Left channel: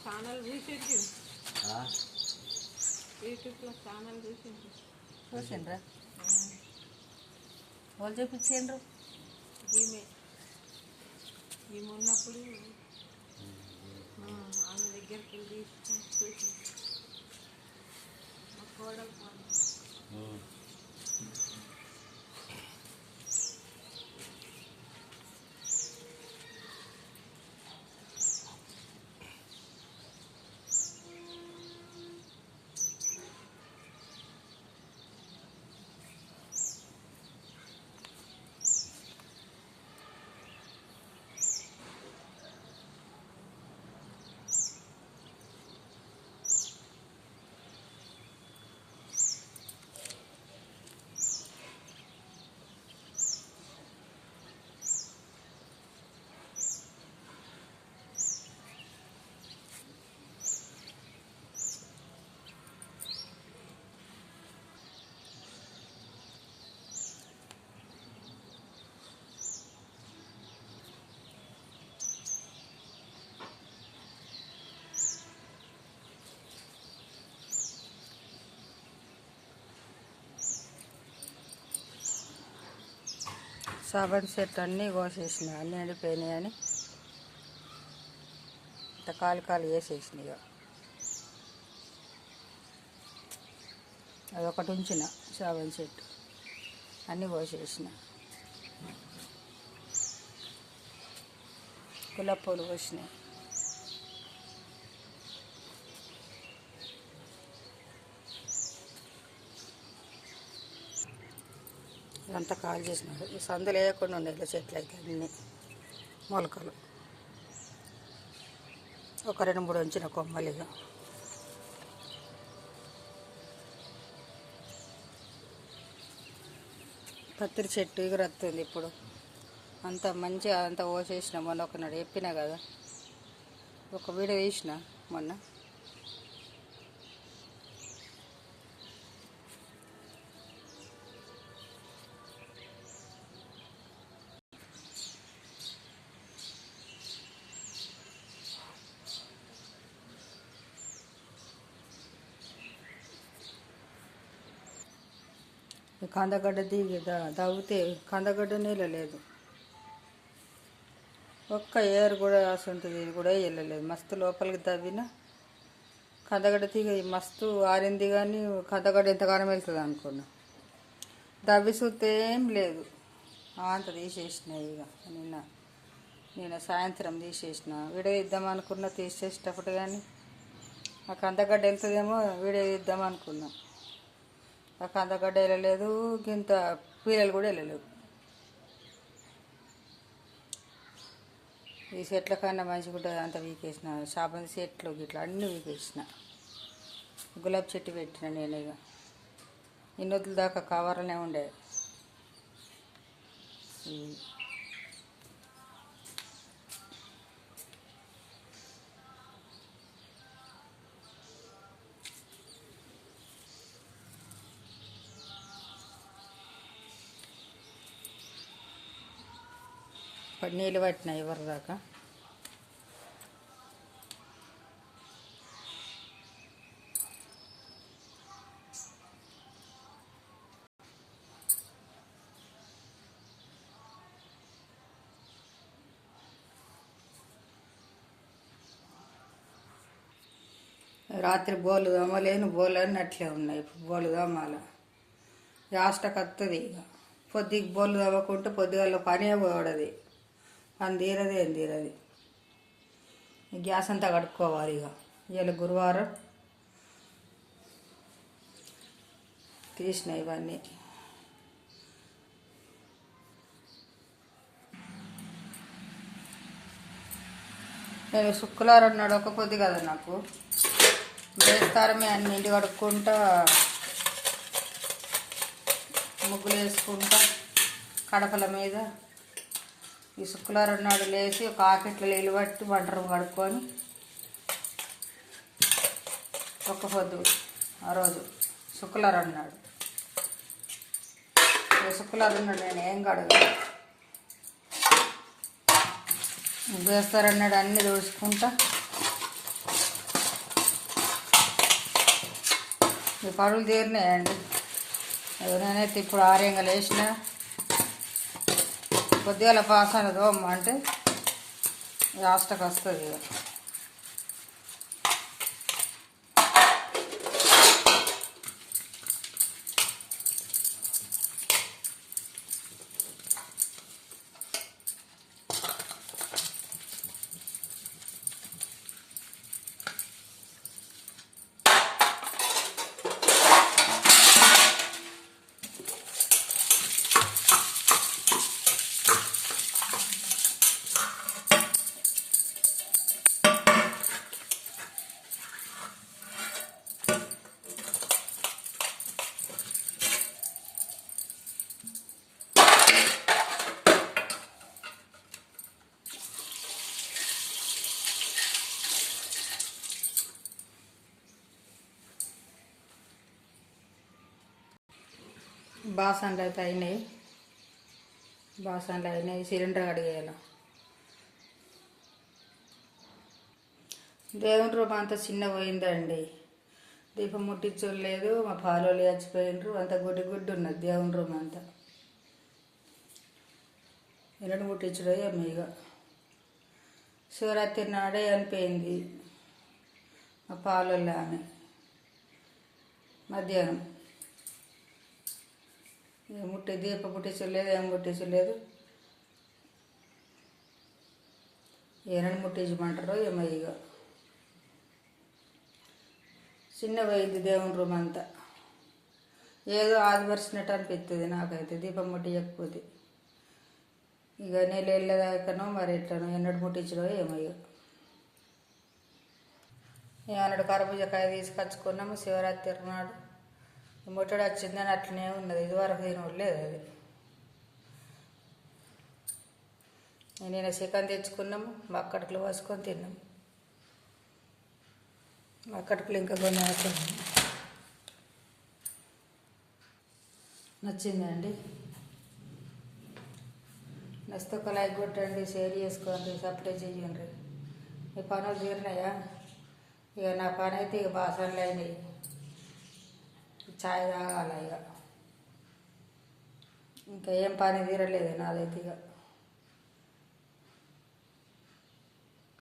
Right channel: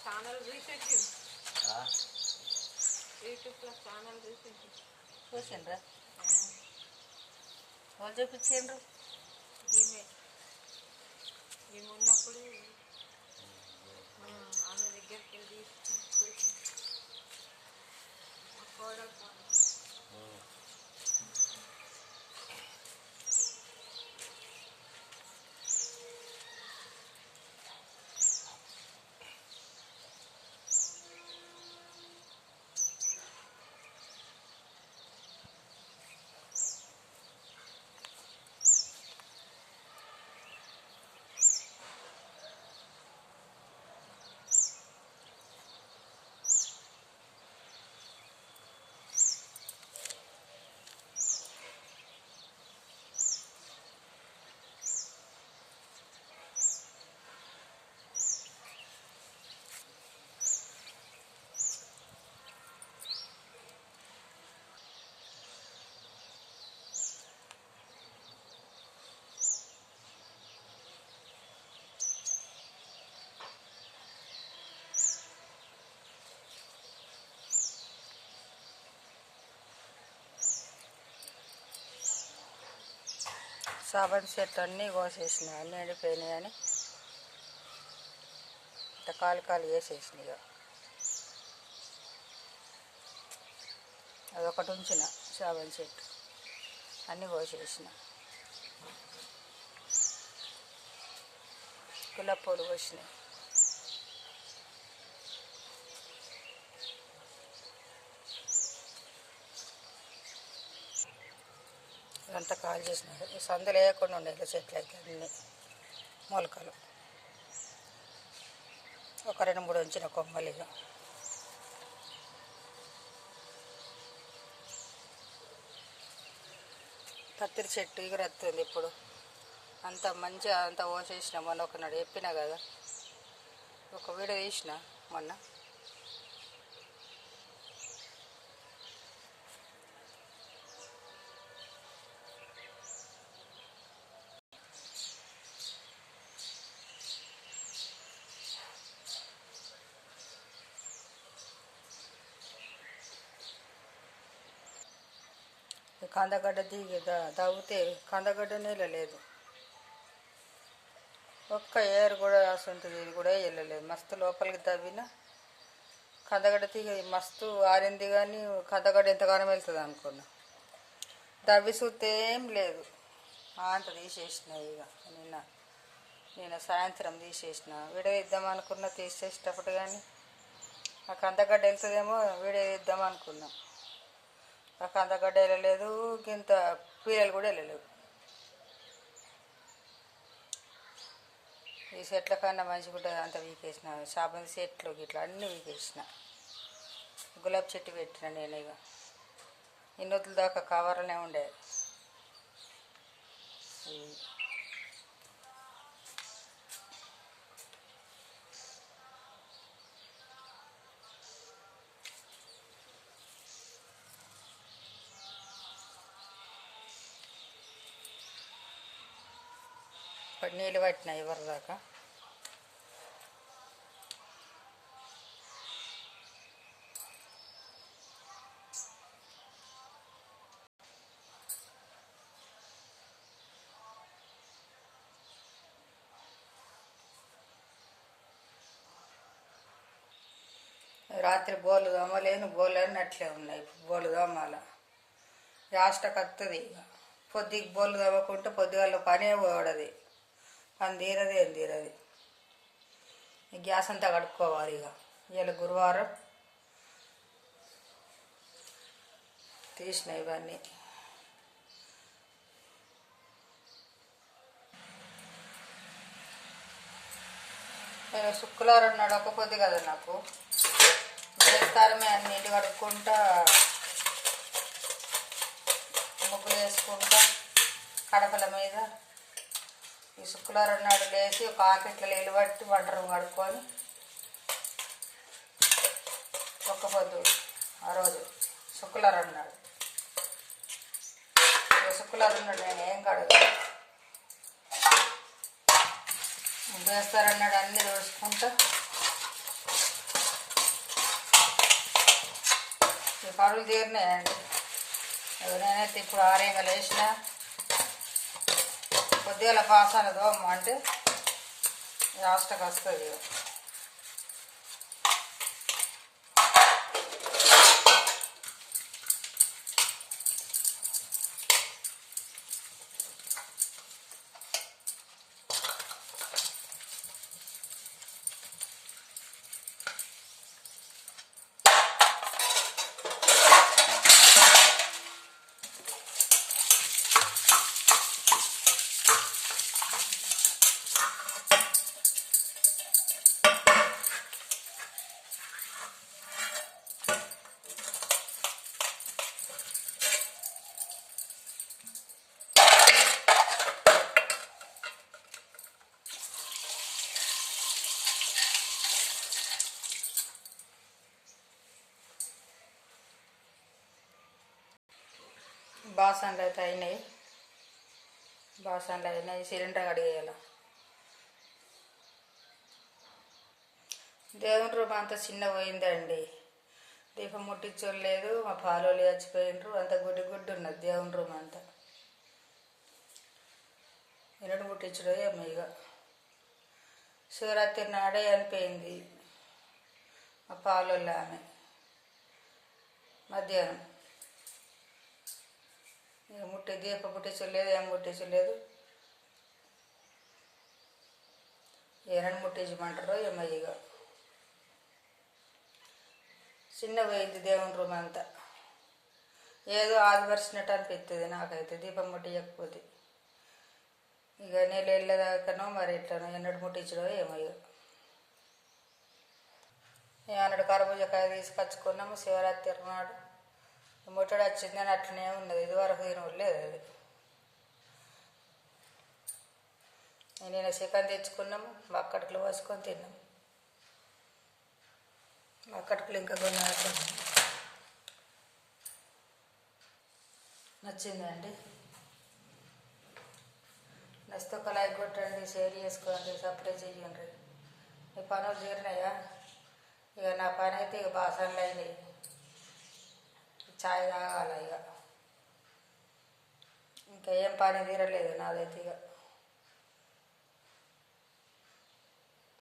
Channel recent యూట్యూబ్లో channel recent చూసిండ్రా వాళ్ళు చూపించిండ్రు మేము ఉన్నప్పుడు ఆమె దగ్గరికి వెళ్ళి చూసి కోడలు సాబంతి చెట్లు అన్నీ కోసేసిన అన్నీ ఎండిపోయినాయని ఇంత కాలు వేసేసిన ఇక అదొకటి ఉంచిన సాబంతి చెట్టు అన్నీ కోసేసిన గులాబీ పూలు కోసినాయి ఇదంతా కాలు చేసినాడు ఈ సందులు వేయకుండా ఉండే చెట్లు అయితే అన్నీ మొలకలు ఒక 2-3 ఉంచిన కొమ్మలిగా పత్తిరి చెట్టు ఎగురత్తుంది ఇప్పుడు అంత మంచిగా అంతా పోసేసిన మొన్న ఒకనాడు చెప్పినా కదా ఒక వీడియో తీసిన మొన్న కందగడ్డ దిగి దవ్వుతే కందగడ్డ నీళ్ళ లేదు ఒక్క ఏరు కూడా ఉంటుంది కూడా వెళ్ళలేదు మస్తు లోపలికి దవ్విన కందగడ్డ తీగ మస్తు ఆరింది కానీ కందగడ్డ ఎంతగానో వెళ్తుంది అనుకున్నా దవ్వి చూస్తే ఏం లేదు అంత తీసేసిన ఇక నిన్న సాయంత్రం తీసేసిన వీడియో ఇద్దామనుకున్నా తీసేసేటప్పుడు కానీ ఆ కందగడ్డ వెళ్తుందేమో వీడియో ఇద్దామనుకున్నా ఆ కందగడ్డ వెళ్ళలేదు ఇంత పీలలు కూడా వెళ్ళలేవు ఈ చెట్ల కన్నా మంచిగా ఉంటుంది అంత వీకేసిన సాబంతి చెట్లు ఇట్లా అన్నీ వీకేసిన గులాబీ చెట్టు పెట్టిన నేను ఇక ఇన్నొద్దుల దాకా కవర్లోనే ఉండే నీళ్ళు పట్టిన ఎవరి దాకా రాత్రి బోలు దోమలేను బోలు అన్నీ అట్లే ఉన్నాయి ఇప్పుడు బోలు దోమాల లాస్ట్కి వస్తుంది ఇక పొద్దుకి బొల్లు తవ్వకుంటే పొద్దుగాల పనే పోవడది, పని తీరది ఏం తీరది. గ్యాస్ అంతా కడుక్కోవాలి. ఇవాళ గురువారం తీసిన ఇవన్నీ. నేను శుక్రవారం నాడు ఒక పొద్దు కదా నాకు, బేస్తారమే అన్ని ఇంటి కడుక్కుంటా, ముగ్గులు వేసుకుంటా కడపల మీద. ఈ శుక్రవారం నాడు లేచి ఒక ఆకెట్లో నీళ్ళు పట్టి వంట రూమ్ కడుక్కొని ఒక్క పొద్దు ఆ రోజు శుక్రవారం నాడు. శుక్రవారం నాడు నేను ఏం కడగను, చేస్తారన్నాడు అన్నీ చూసుకుంటా. ఈ పనులు తీరినాయండి. నేనైతే ఇప్పుడు ఆరేంగా లేచిన కొద్దిగా పాసాన దోమ అంటే లాస్ట్కి వస్తుంది. బాసన్లు అయితే అయినాయి, సిలిండర్ కడిగేయాలి. దేవుని రూమ్ అంతా చిన్న పోయిందండి, దీపం ముట్టించలేదు. మా పాలోళ్ళు చచ్చిపోయినరు, అంత గుడ్డి గుడ్డి ఉన్నది దేవుని రూమ్ అంతా. ఎన్నడు ముట్టించడో ఏమో. ఇక శివరాత్రి నాడే అనిపోయింది మా పాలోళ్ళు ఆమె మధ్యాహ్నం. దీపం ముట్టించలేదు, ఏం ముట్టించలేదు. ఏనని ముట్టించమంటారో ఏమో. ఇక చిన్న పోయింది దేవుని రూమ్ అంతా, ఏదో ఆదిపరిచినట్టు అనిపిస్తుంది నాకైతే దీపం ముట్టించకపోతే. ఇక నెల వెళ్ళేదాకనో మరి ఎట్లనో, ఎన్నడు ముట్టించడో ఏమో. ఇక ఏమన్నాడు కర్బూజకాయ తీసుకొచ్చుకున్నాము శివరాత్రి నాడు. ముట్టడి వచ్చిందని అట్లనే ఉన్నది, ఇదివరకు తినలేదు అది. నేను చికెన్ తెచ్చుకున్నాము, బక్కడికలు పోసుకొని తిన్నాము. బక్కడికలు ఇంకా కొన్ని నచ్చిందండి. నచ్చితే ఒక లైక్ కొట్టండి, షేర్ చేసుకోండి, సబ్స్క్రైబ్ చేయండి. మీ పనులు తీరినాయా? ఇక నా పని అయితే ఇక బాసనలు అయినాయి, ఛాయ్ తాగాలి. ఇక ఇంకా ఏం పని తీరలేదు నాదైతే. ఇక